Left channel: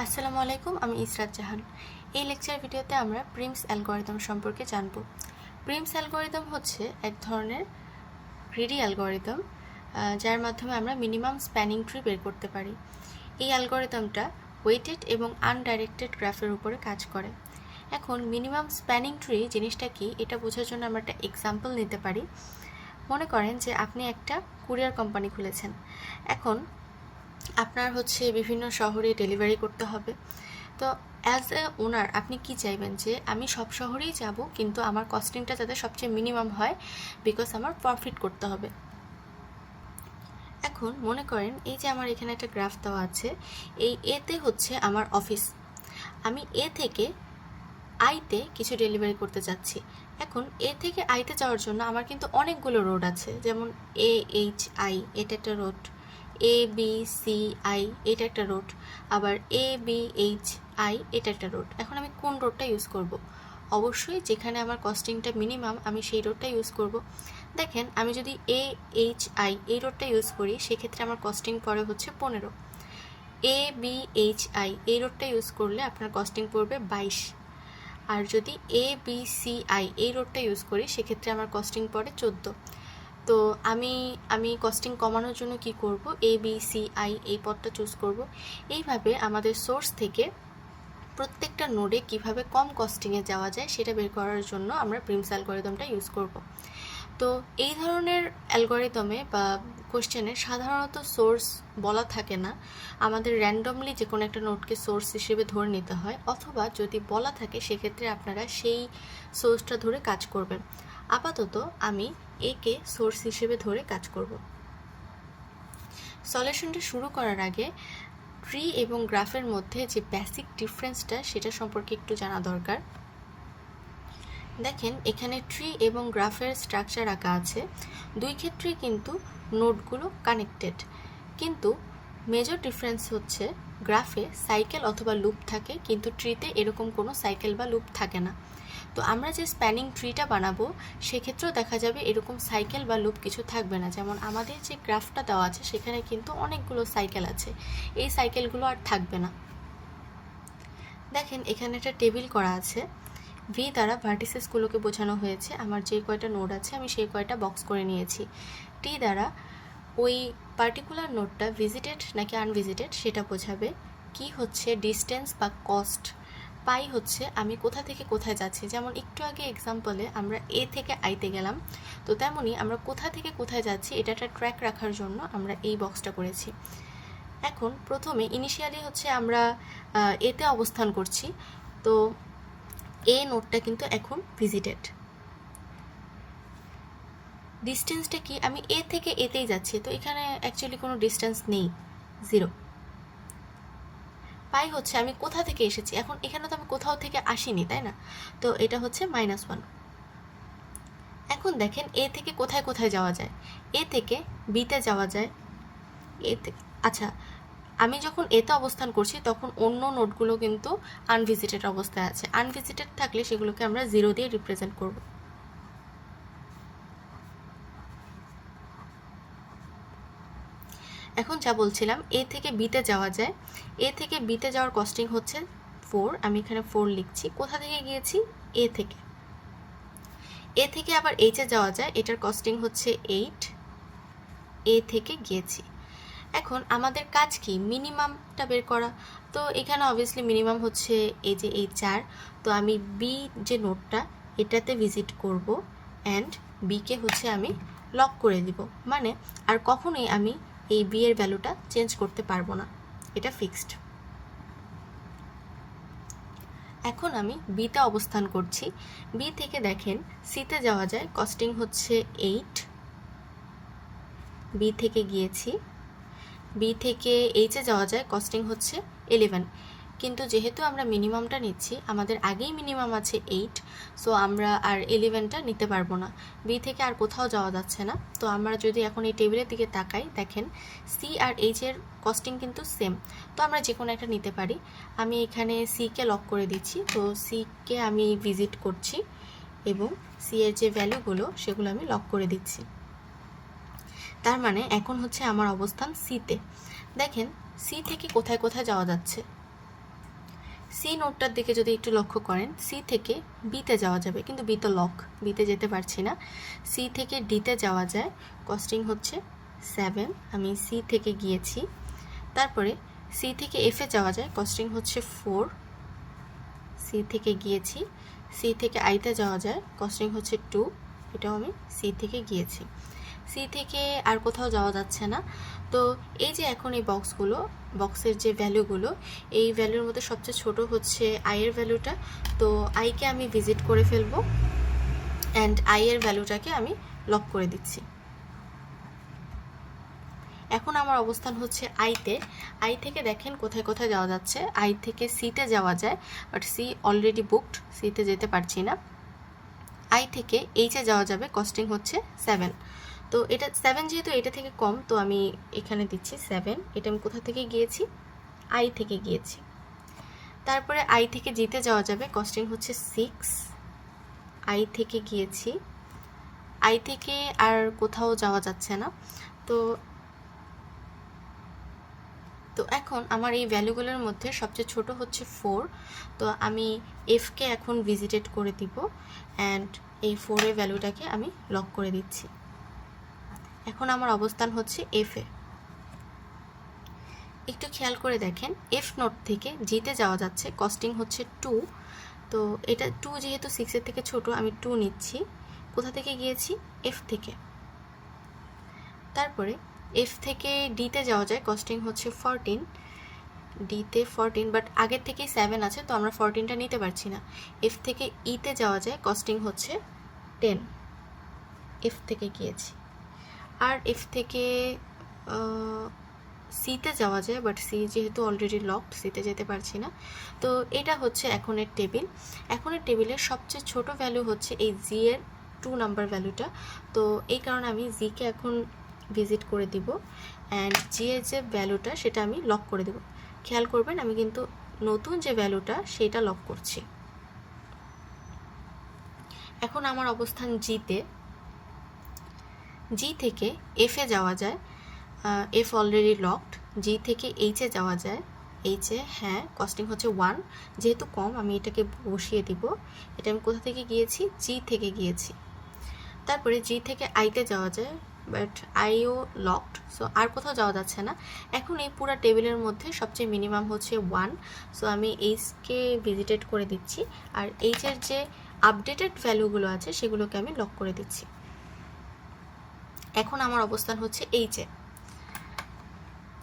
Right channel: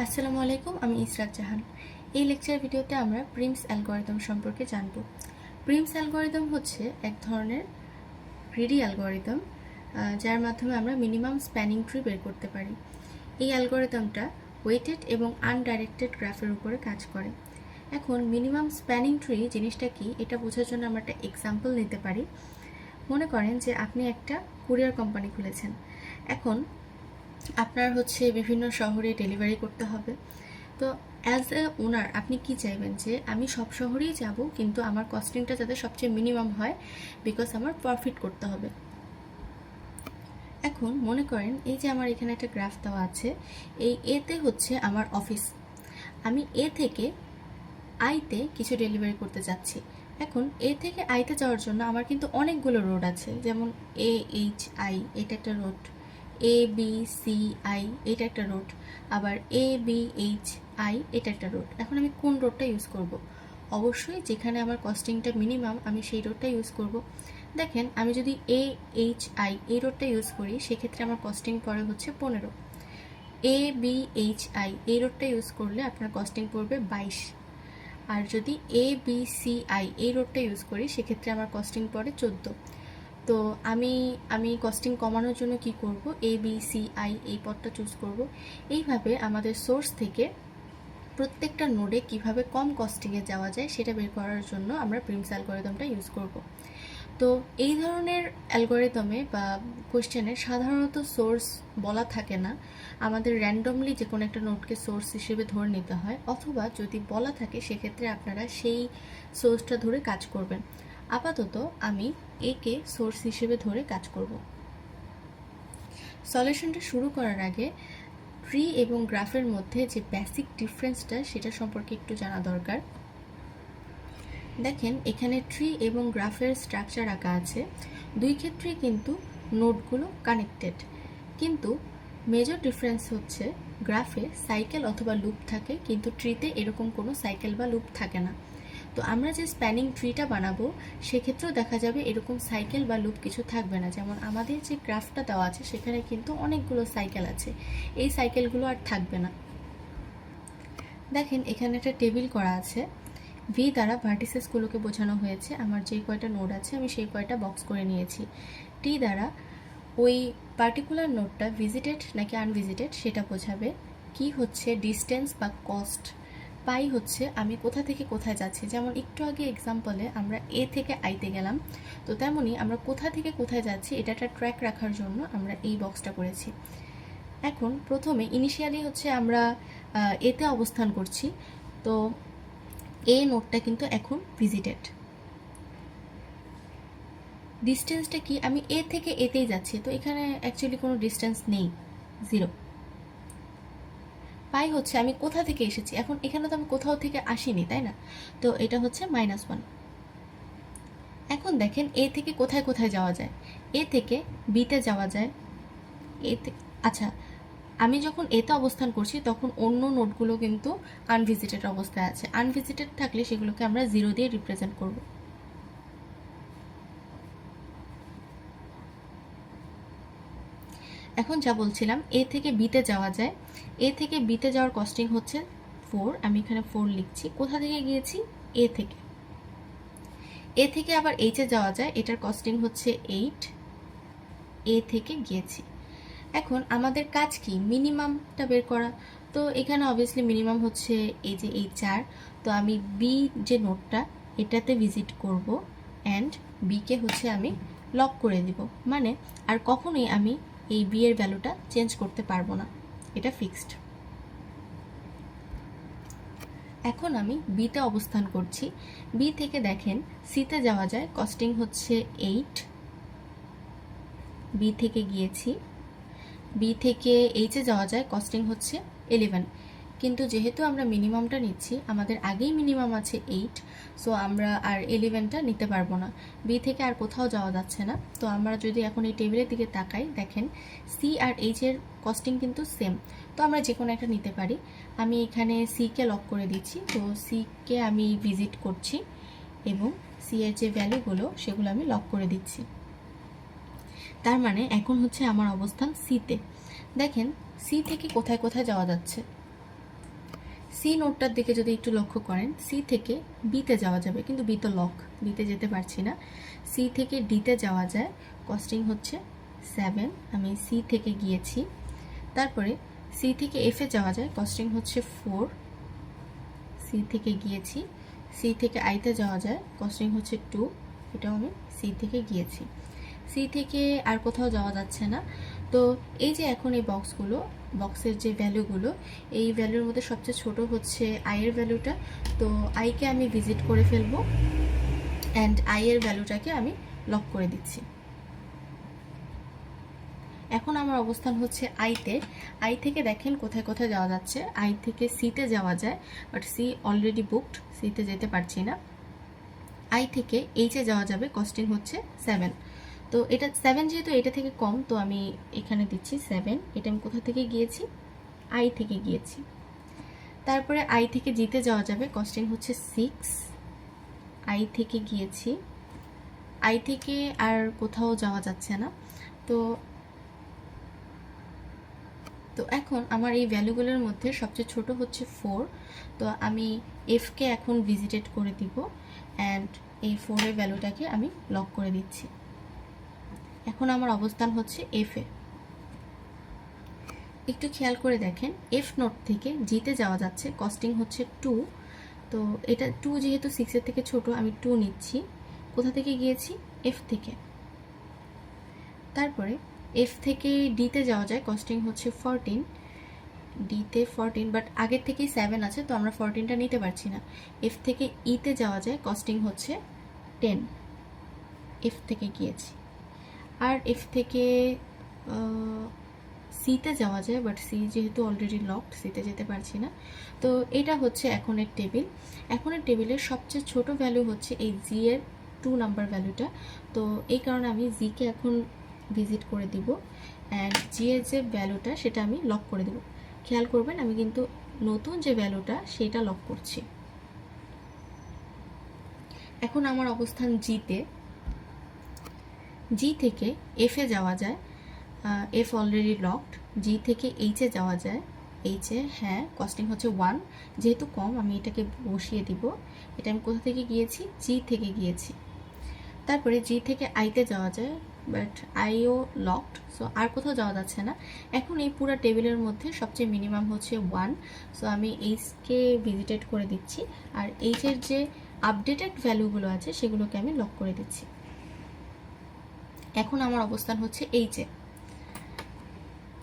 আসসালামু আলাইকুম, আমি ইসরাত জাহান। এই লেকচার ভিডিওতে আমরা প্রিমস অ্যালগরিদম সম্পর্কে জানব। প্রিমস অ্যালগরিদম হচ্ছে এক ধরনের গ্রিডি অ্যালগরিদম, যার মাধ্যমে আমরা মিনিমাম স্প্যানিং ট্রি বের করতে পারি। এই অ্যালগরিদমটা ওয়েটেড এবং আনডাইরেক্টেড গ্রাফের উপরে কাজ করে। এখন মিনিমাম স্প্যানিং ট্রি জিনিসটা কি, এটা বোঝার জন্য আমরা একটা এক্সাম্পল নিতে পারি। মনে করেন যে আপনি একটা কুরিয়ার কোম্পানি খুলেছেন। এখন আপনার বিভিন্ন শহরে ডেলিভারি করতে হবে। তো অ্যাজ এ ওনার আপনি কি চাইবেন যে আমি সব শহরেই যাব, কিন্তু আমার কস্টিংটা যাতে সবচেয়ে মিনিমাম হয়, বিকজ আমার প্রফিট করতে হবে। এখন মনে করেন এই যে আমার এখানে একটা গ্রাফ দেওয়া আছে, এই এতে হচ্ছে আমার অফিস। আমি এ থেকে আইতে কিছু ডেলিভারি করতে যাচ্ছি। এখন এ থেকে আইতে যাওয়ার জন্য আমার কিন্তু অনেকগুলো রোড আছে, যেমন AHI এটা একটা রোড, ABCI এটা একটা রোড, আবার ABHI এটা একটা রোড। এখন আমি কোন রোডটা ইউজ করব? অবশ্যই যেখানে আমার কস্টিংটা মিনিমাম আমি সেই রোডটা ইউজ করব। দেখেন আমি যদি AHI এই রোডটা ইউজ করি, সেক্ষেত্রে আমার কস্টিং পড়ে হচ্ছে 15। ABHI এই রোডটা ইউজ করলে আপনার কস্টিং পড়বে 22। আর যদি ABCI এই রোডটা ইউজ করি, সেক্ষেত্রে আমার কস্টিং পড়ে 14। তো আমি কস্টিং কমানোর জন্য কি করব? ABCI এই পথটা চুজ করব। এইভাবে আমাদের সোর্স থেকে প্রত্যেকটা নোডে কিভাবে কম কস্টিংয়ে যাওয়া যায় সেটা বের করার জন্য আমরা প্রিমস অ্যালগরিদমটা ইউজ করব। তো এই ধরনের অ্যালগরিদমে বা কোশ্চেনে সাধারণত সোর্স বলা থাকে না, আমাদের র্যান্ডমলি যে কোনো একটা নোটকে সোর্স হিসেবে ধরে নিতে হয়, অথবা যদি বলা থাকে সেক্ষেত্রে আপনারা সেই সোর্সটা ধরে কাজ করবেন। আপাতত আমি একে সোর্স হিসেবে ধরে কাজ করব। সলিউশনটা শুরু করার আগে ট্রি এবং গ্রাফের মধ্যে যে বেসিক ডিফারেন্সটা সেটা সম্পর্কে একটু জানা দরকার। দেখেন এখানে ট্রি এবং গ্রাফের স্ট্রাকচার আঁকা আছে, দুই ক্ষেত্রেই কিন্তু নোডগুলো কানেক্টেড, কিন্তু মেজর ডিফারেন্স হচ্ছে গ্রাফে সাইকেল অথবা লুপ থাকে, কিন্তু ট্রিতে এরকম কোনো সাইকেল বা লুপ থাকে না। তো আমরা যে স্প্যানিং ট্রিটা বানাবো সেক্ষেত্রেও দেখা যাবে এরকম সাইকেল বা লুপ কিছু থাকবে না। যেমন আমাদের যে গ্রাফটা দেওয়া আছে সেখানে কিন্তু অনেকগুলো সাইকেল আছে, এই সাইকেলগুলো আর থাকবে না। দেখেন এখানে একটা টেবিল করা আছে, ভি দ্বারা ভার্টিসেসগুলোকে বোঝানো হয়েছে। আমার যে কয়টা নোড আছে আমি সেই কয়টা বক্স করে নিয়েছি। টি দ্বারা ওই পার্টিকুলার নোডটা ভিজিটেড নাকি আনভিজিটেড সেটা বোঝাবে। কি হচ্ছে ডিস্টেন্স বা কস্ট। পাই হচ্ছে আমি কোথা থেকে কোথায় যাচ্ছি। যেমন একটু আগে এক্সাম্পলে আমরা এ থেকে আইতে গেলাম, তো তেমনই আমরা কোথা থেকে কোথায় যাচ্ছি এটা একটা ট্র্যাক রাখার জন্য আমরা এই বক্সটা করেছি। এখন প্রথমে ইনিশিয়ালি আমরা এতে অবস্থান করছি, তো এ নোডটা কিন্তু এখন ভিজিটেড। ডিস্টেন্সটা কি, আমি এ থেকে এতেই যাচ্ছি, তো এখানে অ্যাকচুয়ালি কোনো ডিস্টেন্স নেই, 0। পাই হচ্ছে আমি কোথা থেকে এসেছি, এখন এখানে তো আমি কোথাও থেকে আসিনি, তাই না? তো এটা হচ্ছে -1। এখন দেখেন এ থেকে কোথায় কোথায় যাওয়া যায়। এ থেকে বিতে যাওয়া যায়। আচ্ছা, আমি যখন এতে অবস্থান করছি তখন অন্য নোটগুলো কিন্তু আনভিজিটেড অবস্থায় আছে। আনভিজিটেড থাকলে সেগুলোকে আমরা 0 দিয়ে রিপ্রেজেন্ট করব। এখন যা বলছিলাম, এ থেকে বিতে যাওয়া যায়। এ থেকে বিতে যাওয়ার কস্টিং হচ্ছে 4, আমি এখানে 4 লিখছি। কোথা থেকে গিয়েছি? এ থেকে। এ থেকে আবার এইচে যাওয়া যায়, এটার কস্টিং হচ্ছে 8, এ থেকে গিয়েছি। এখন আমাদের কাজ কি? মিনিমামটা বের করা। তো এখানে অবভিয়াসলি মিনিমাম হচ্ছে এই যে এই 4। তো আমি বি যে নোটটা এটাতে ভিজিট করব, অ্যান্ড বিকে আমি লক করে দিব। মানে আর কখনোই আমি এই বি এর ভ্যালুটা চেঞ্জ করতে পারবো না, এটা ফিক্সড। এখন আমি বিতে অবস্থান করছি। বি থেকে দেখেন সিতে যাওয়া যায়, কস্টিং হচ্ছে 8, বি থেকে গিয়েছি। বি থেকে এইচে যাওয়া যায়, কস্টিং হচ্ছে 11। কিন্তু যেহেতু আমরা মিনিমামটা নিচ্ছি, আমাদের আগেই মিনিমাম আছে 8, সো আমরা আর 11টা নিতে পারবো না। বি থেকে আর কোথাও যাওয়া যাচ্ছে না। তো আমরা যদি এখন এই টেবিলের দিকে তাকাই, দেখেন সি আর এইচের কস্টিং কিন্তু সেম, তো আমরা যে কোনো একটা নিতে পারি। আমি এখানে সিকে লক করে দিচ্ছি। তো সিকে আমি ভিজিট করছি এবং সি এর যে ভ্যালুগুলো সেগুলো আমি লক করে দিচ্ছি। তার মানে এখন আমার অবস্থান সিতে। দেখেন সি থেকে কোথায় কোথায় যাওয়া যাচ্ছে। সি নোটটার দিকে যদি একটু লক্ষ্য করেন, সি থেকে বিতে যাওয়া যাবে, কিন্তু বি তো লক, বিতে যেতে পারছি না। সি থেকে ডিতে যাওয়া যায়, কস্টিং হচ্ছে 7, আমি সি থেকে গিয়েছি। তারপরে সি থেকে এফে যাওয়া যায়, কস্টিং হচ্ছে 4, সি থেকে গিয়েছি। সি থেকে আইতে যাওয়া যায়, কস্টিং হচ্ছে 2, এটাও আমি সি থেকে গিয়েছি। সি থেকে আর কোথাও যাওয়া যাচ্ছে না। তো এই যে এখন এই বক্সগুলো, বক্সের যে ভ্যালুগুলো, এই ভ্যালুর মধ্যে সবচেয়ে ছোট হচ্ছে আইয়ের ভ্যালুটা। তো আইকে আমি ভিজিট করে ফেলবো অ্যান্ড আইয়ের ভ্যালুটাকে আমি লক করে দিচ্ছি। এখন আমার অবস্থান হচ্ছে আইতে। আই থেকে দেখেন কোথায় কোথায় যাওয়া যাচ্ছে। আই থেকে সিতে যাওয়া যায়, বাট সি অলরেডি বুকড, সিতে যেতে পারছি না। আই থেকে এইচে যাওয়া যাবে, কস্টিং হচ্ছে 7। তো এটা 7 যেহেতু এটা থেকে কম, তো আমি এখানে দিচ্ছি 7। এটা আমি কোথা থেকে গিয়েছি? আই থেকে গিয়েছি। তারপরে আই থেকে জিতে যাওয়া যাবে, কস্টিং হচ্ছে 6, আই থেকে গিয়েছি। আই থেকে আর কোথাও যাওয়া যাচ্ছে না। তো তো এখন আমার এই ভ্যালুগুলোর মধ্যে সবচেয়ে ছোট হচ্ছে 4। তো আমি এফকে এখন ভিজিটেড করে দিব অ্যান্ড এই 4-এর ভ্যালুটাকে আমি লক করে দিচ্ছি। এখন আমার অবস্থান হচ্ছে এফে। একটু খেয়াল করে দেখেন, এফ নোট থেকে জিতে যাওয়া যাচ্ছে, কস্টিং হচ্ছে 2। তো এটা 2 যেহেতু 6-এর থেকে ছোট, আমি 2 নিচ্ছি। কোথা থেকে গিয়েছি? এফ থেকে। তারপরে এফ থেকে ডিতে যাওয়া যায়, কস্টিং হচ্ছে 14, ডিতে 14, বাট আগের থেকেই 7 আছে, তো আমরা 14টা নিতে পারছি না। এফ থেকে ইতে যাওয়া যায়, কস্টিং হচ্ছে 10, এফ থেকে গিয়েছি। আর এফ থেকে সিতে যাওয়া যায়, বাট সি যেহেতু অলরেডি লকড, সিতে যেতে পারছি না। তো এটা হচ্ছে এখনের টেবিল। এখনের টেবিলের সবচেয়ে ছোট ভ্যালু হচ্ছে এই জি এর 2 নাম্বার ভ্যালুটা। তো এই কারণে আমি জিকে এখন ভিজিট করে দিব অ্যান্ড জি এর যে ভ্যালুটা সেটা আমি লক করে দেব। খেয়াল করবেন, আমি কিন্তু নতুন যে ভ্যালুটা সেটা লক করছি। এখন আমার অবস্থান জিতে। জি থেকে এফে যাওয়া যায়, এফ অলরেডি লকড। জি থেকে এইচে যাওয়া যায়, এইচে হ্যাঁ, কস্টিং হচ্ছে 1, যেহেতু কম আমি এটাকে বসিয়ে দিব। এটা আমি কোথা থেকে গিয়েছি? জি থেকে গিয়েছি। তারপরে জি থেকে আইতে যাওয়া যায়, বাট আইও লকড, সো আর কোথাও যাওয়া যাচ্ছে না। এখন এই পুরো টেবিলের মধ্যে সবচেয়ে মিনিমাম হচ্ছে 1, সো আমি এইচকে ভিজিটেড করে দিচ্ছি আর এইচের যে আপডেটেড ভ্যালুগুলো আছে সেগুলোকে আমি লক করে দিচ্ছি। এখন আমার অবস্থান হচ্ছে এইচে।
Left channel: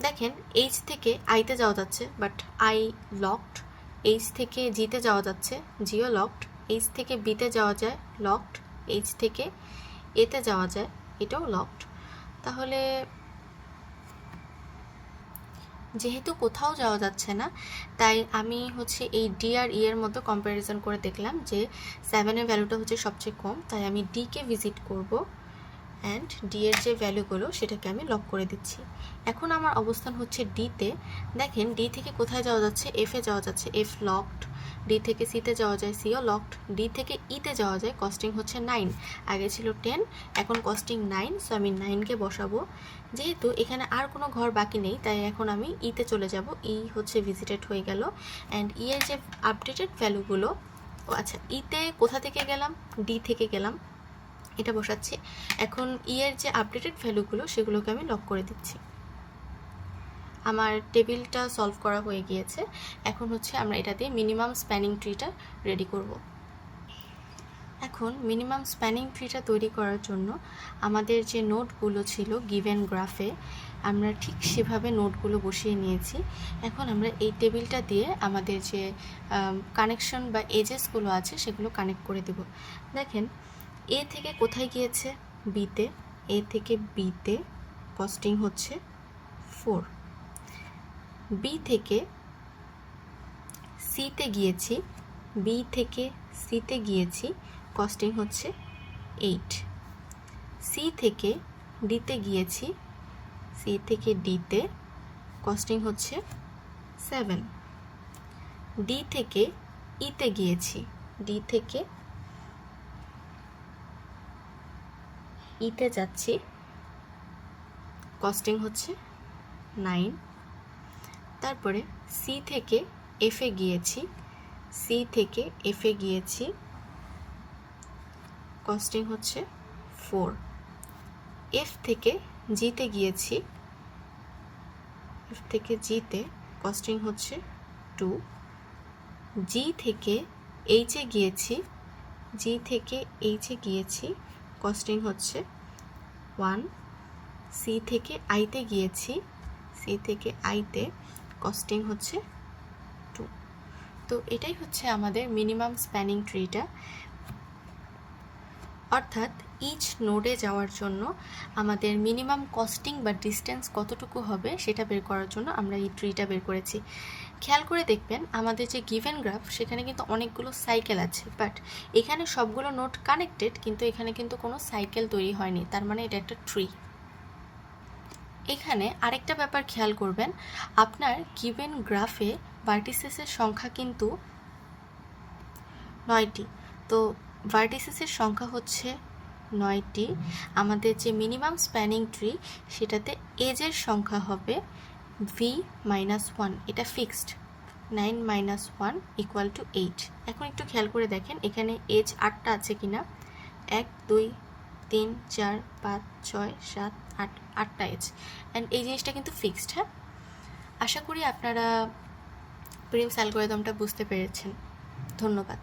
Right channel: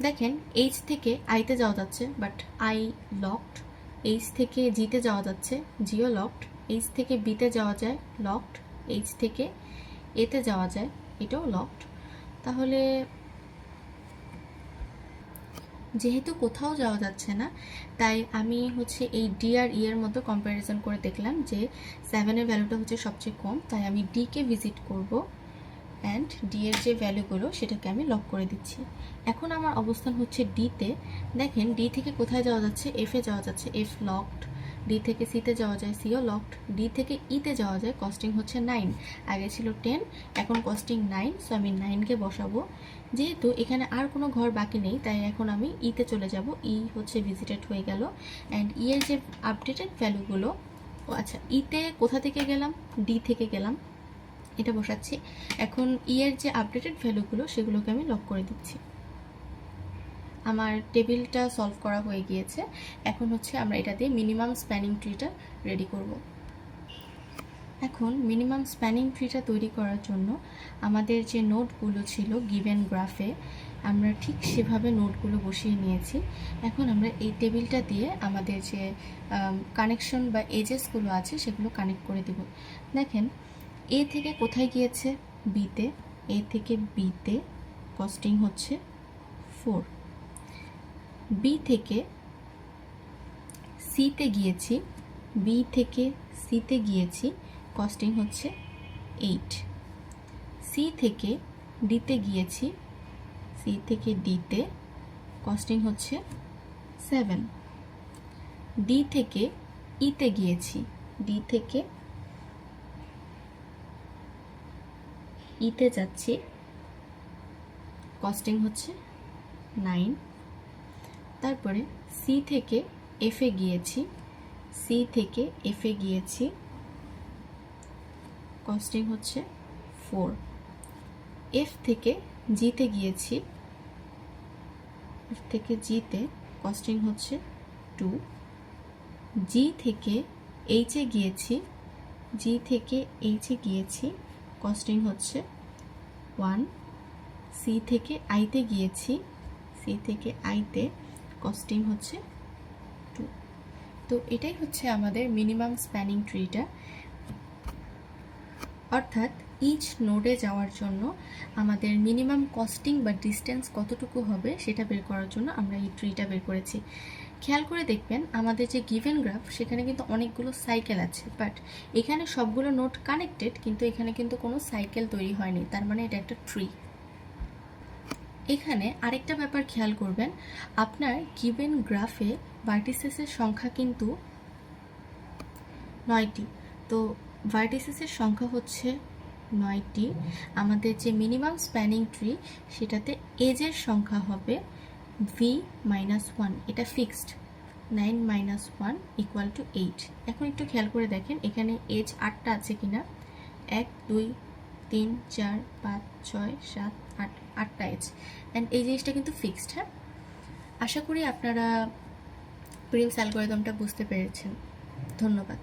দেখেন, এইচ থেকে আইতে যাওয়া যাচ্ছে, বাট আই লকড। এইচ থেকে জিতে যাওয়া যাচ্ছে, জিও লকড। এইচ থেকে বিতে যাওয়া যায়, লকড। এইচ থেকে এতে যাওয়া যায়, এটাও লকড। তাহলে যেহেতু কোথাও যাওয়া যাচ্ছে না, তাই আমি হচ্ছে এই ডি আর ই এর মতো কম্প্যারিজন করে দেখলাম যে 7-এর ভ্যালুটা হচ্ছে সবচেয়ে কম, তাই আমি ডিকে ভিজিট করব অ্যান্ড ডি এর যে ভ্যালুগুলো সেটাকে আমি লক করে দিচ্ছি। এখন আমার অবস্থান হচ্ছে ডিতে। দেখেন, ডি থেকে কোথায় যাওয়া যাচ্ছে? এফে যাওয়া যাচ্ছে, এফ লকড। ডি থেকে সিতে যাওয়া যায়, সিও লকড। ডি থেকে ইতে যাওয়া যায়, কস্টিং হচ্ছে 9, আগে ছিল 10, এখন কস্টিং 9, সো আমি 9কে বসাবো। যেহেতু এখানে আর কোনো ঘর বাকি নেই, তাই এখন আমি ইতে চলে যাব। ই হচ্ছে ভিজিটেড হয়ে গেল অ্যান্ড ই এর যে আপডেটেড ভ্যালুগুলো, আচ্ছা, ইতে কোথা থেকে গেলাম? ডি থেকে গেলাম, এটা বসাচ্ছি। এখন ই এর যে আপডেটেড ভ্যালুগুলো সেগুলোকে আমি লক করে দিচ্ছি। আমার টেবিলটা সলভ করা হয়ে গিয়েছে। এখন হচ্ছে আমরা এটা দিয়ে মিনিমাম স্প্যানিং ট্রিটা রেডি করব। এখন মিনিমাম স্প্যানিং ট্রিটা তৈরি করার জন্য আমাদের যে নোটগুলো ছিল গিভেন গ্রাফে, আমরা ঠিক সেভাবে নোটগুলো বসিয়ে নিয়েছি। এখন আমরা এই টেবিলটা দিয়ে আমাদের যে কানেকশন বা এজেসগুলো আছে সেগুলো কানেক্ট করে দেব। দেখেন, এ থেকে কোথায় গিয়েছে? বিতে। এ থেকে বিতে, কস্টিং হচ্ছে 4। বি থেকে সিতে গিয়েছি, বি থেকে সিতে গিয়েছি, কস্টিং হচ্ছে 8। সি থেকে ডিতে গিয়েছি, সি থেকে ডিতে, কস্টিং হচ্ছে 7। ডি থেকে ইতে গিয়েছি, ডি থেকে ইতে যাচ্ছি, কস্টিং হচ্ছে 9। তারপরে সি থেকে এফে গিয়েছি, সি থেকে এফে গিয়েছি, কস্টিং হচ্ছে 4। এফ থেকে জিতে গিয়েছি, এফ থেকে জিতে কস্টিং হচ্ছে 2। জি থেকে এইচে গিয়েছি, জি থেকে এইচে গিয়েছি, কস্টিং হচ্ছে 1। সি থেকে আইতে গিয়েছি, সি থেকে আইতে কস্টিং হচ্ছে 2। তো এটাই হচ্ছে আমাদের মিনিমাম স্প্যানিং ট্রিটা। অর্থাৎ ইচ নোডে যাওয়ার জন্য আমাদের মিনিমাম কস্টিং বা ডিস্টেন্স কতটুকু হবে সেটা বের করার জন্য আমরা এই ট্রিটা বের করেছি। খেয়াল করে দেখবেন আমাদের যে গিভেন গ্রাফ সেখানে কিন্তু অনেকগুলো সাইকেল আছে, বাট এখানে সবগুলো নোড কানেক্টেড, কিন্তু এখানে কিন্তু কোনো সাইকেল তৈরি হয়নি, তার মানে এটা একটা ট্রি। এখানে আরেকটা ব্যাপার খেয়াল করবেন, আপনার গিভেন গ্রাফে ভার্টিসেসের সংখ্যা কিন্তু 9টি। তো ভার্টিসেসের সংখ্যা হচ্ছে 9টি। আমাদের যে মিনিমাম স্প্যানিং ট্রি সেটাতে এজের সংখ্যা হবে v-1, এটা ফিক্সড। 9 - 1 = 8। এখন একটু খেয়াল করে দেখেন এখানে এজ 8টা আছে কিনা। 1 2 3 4 5 6 7 8, 8টা এজ। অ্যান্ড এই জিনিসটা কিন্তু ফিক্সড। হ্যাঁ, আশা করি আপনারা প্রিমস অ্যালগরিদমটা বুঝতে পেরেছেন। ধন্যবাদ।